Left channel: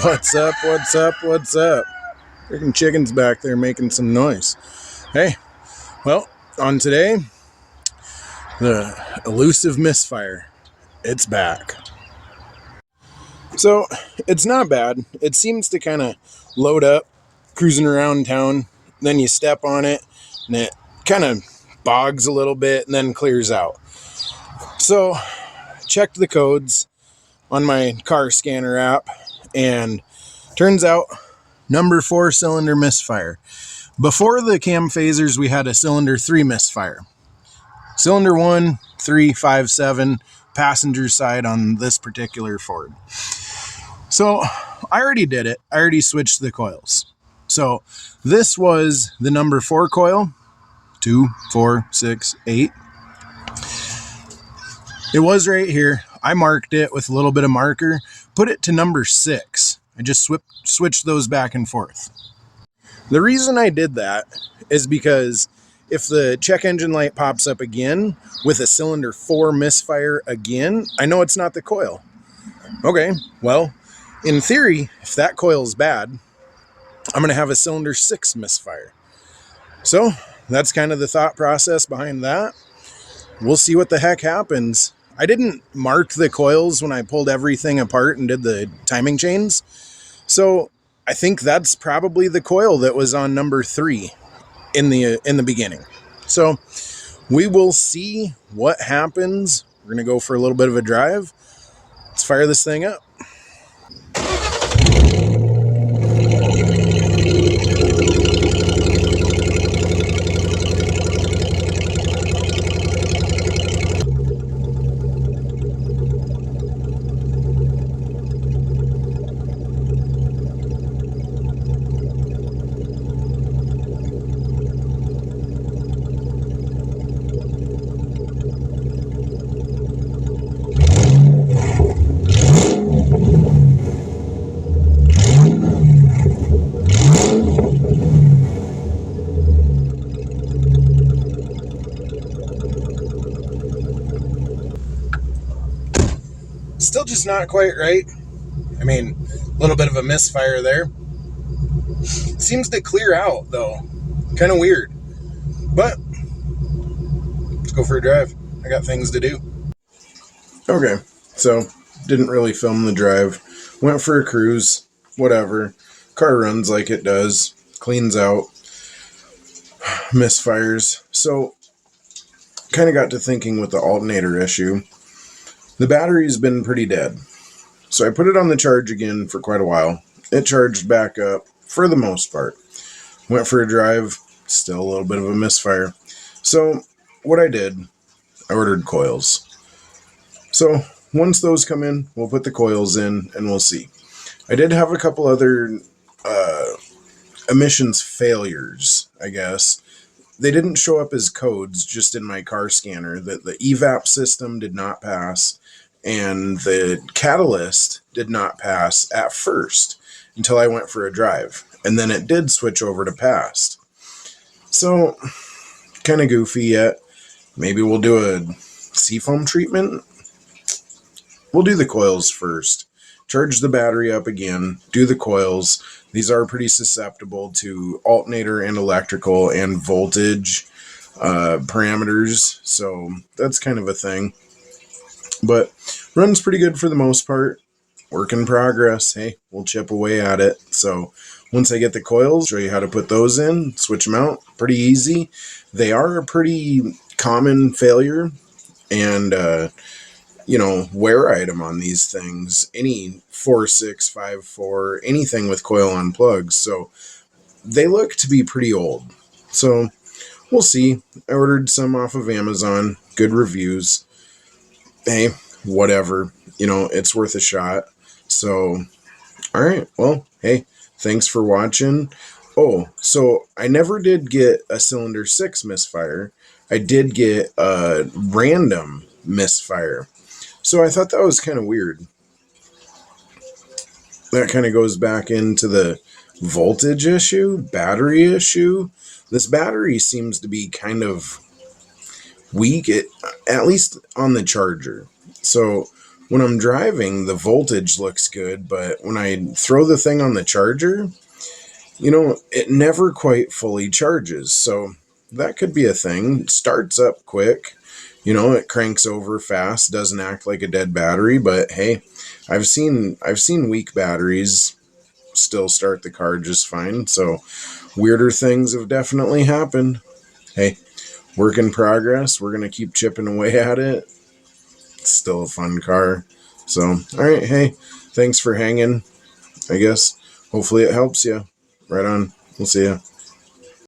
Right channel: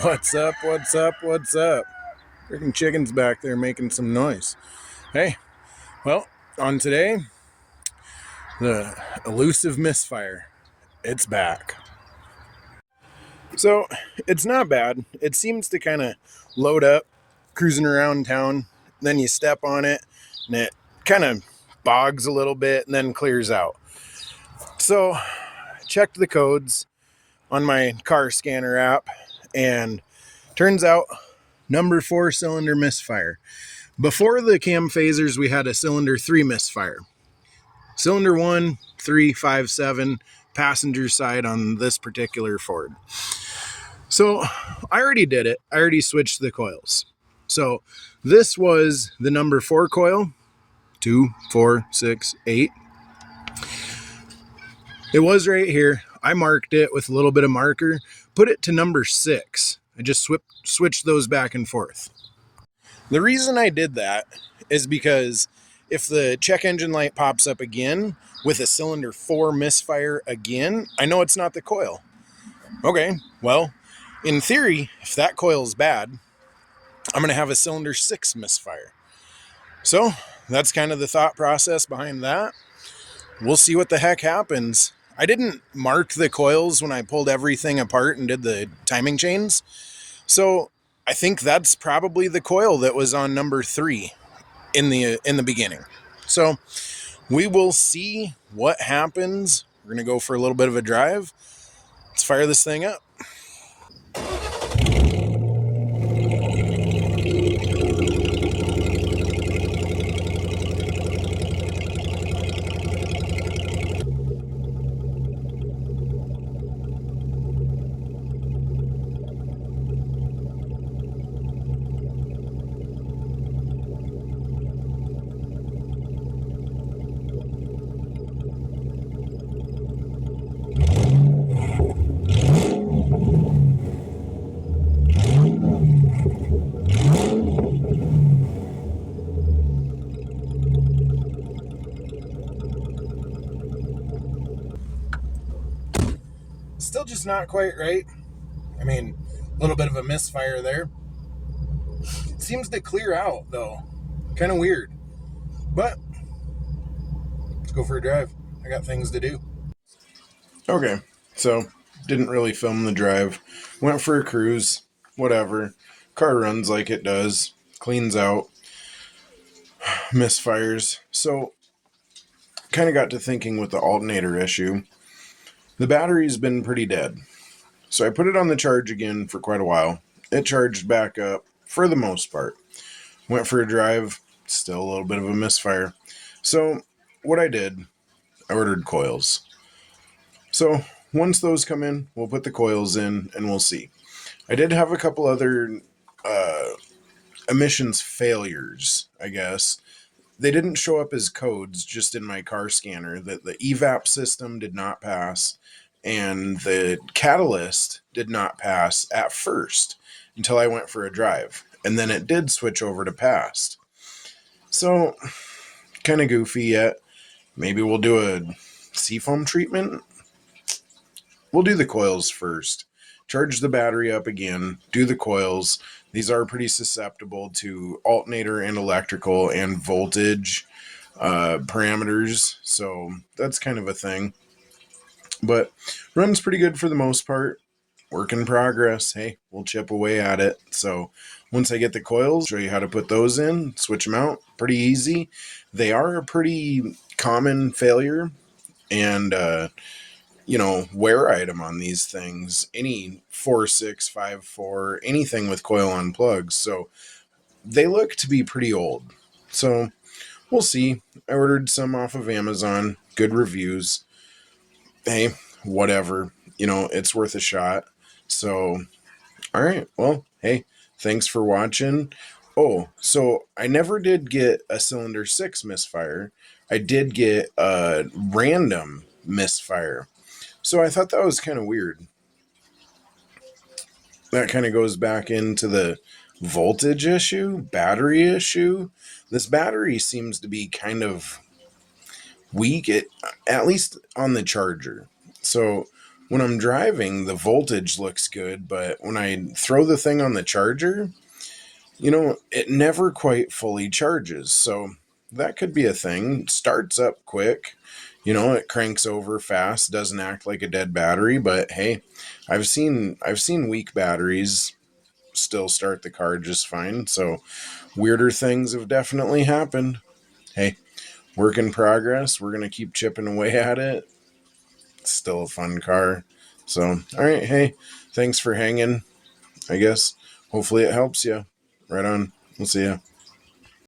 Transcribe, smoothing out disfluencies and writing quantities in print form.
What's up? What's up? What's up? Freaking chicken's back there making some noise. Hey, well, on today, the elusive misfire. It's back. So, it's not bad. It seems to kind of load up, cruising around town. Then you step on it, and it kind of bogs a little bit and then clears out. So, checked the codes on my car scanner app, and turns out number 4 cylinder misfire. Before the cam phasers, we had a cylinder 3 misfire. Cylinder 1, 3, 5, 7, passenger side on this particular Ford. So I already did it. I already switched the coils. So this was the number 4 coil, 2, 4, 6, 8. It was right here. I marked it with a little bit of marker, put it to number 6. I just switched those back and forth. The reason I did that is because if the check engine light pops up again with a cylinder 4 misfire again, I know it's not the coil. Okay, well, in theory, if that coil is bad, I'm going to have a cylinder 6 misfire. So that's kind of the thought process behind that. We'll see what the heck happens. I didn't mark the coils when I pulled everything apart and did the timing chains. So I think that's probably the coil that was on number 3 in the beginning. So we will see what happens. We're going to go for a little bit of a drive. Let's fire this thing up. Still just not quite right. I mean, a little bit of a misfire there. Seems to clear out, though. Kind of weird. But let's go for a drive. I got things to do. Okay, so didn't really film the drive. Went for a cruise. Whatever. Car runs like it does. Cleans out. Misfires. So kind of got to thinking with the alternator issue. The battery's been pretty dead. So I put it on the charge again for quite a while. It charged back up for the most part. Went for a drive, still a little bit of a misfire. So what I did, I ordered coils. So once those come in, we'll put the coils in and we'll see. I did have a couple other emissions failures, I guess. They didn't show up as codes just in my car scanner. The evap system did not pass, and the catalyst did not pass at first until I went for a drive. And then it did switch over to passed. So, kind of goofy yet. Maybe we'll do a seafoam treatment. We'll do the coils first. Charge the battery up again. Do the coils. These are pretty susceptible to alternator and electrical and voltage parameters. So that's kind of a thing. But runs pretty good for the most part. Work in progress. Hey, we'll chip away at it. So once I get the coils, show you how to put those in, switch them out. Pretty easy. They are a pretty common failure and wear item on these things. Any 4654, anything with coil on plugs. So they look to be pretty old. So we'll see. I ordered some off of Amazon. Good reviews. Hey, whatever. It's worth a shot. So, all right. Well, hey, thanks for watching. Oh, so I never did get a cylinder 6 misfire. I did get a random misfire. So I thought that was kind of weird. That kind of goes back into the voltage issue, battery issue. This battery seems to be kind of weak, at least on the charger. So when I'm driving, the voltage looks good, but when I throw the thing on the charger, it never quite fully charges. So that could be a thing. It starts up quick, it cranks over fast, doesn't act like a dead battery, but hey, I've seen weak batteries still start the car just fine. So weirder things have definitely happened. Hey, work in progress. We're going to keep chipping away at it. It's still a fun car. So, all right, hey, thanks for hanging. I guess hopefully it helps you. Right on. We'll see you.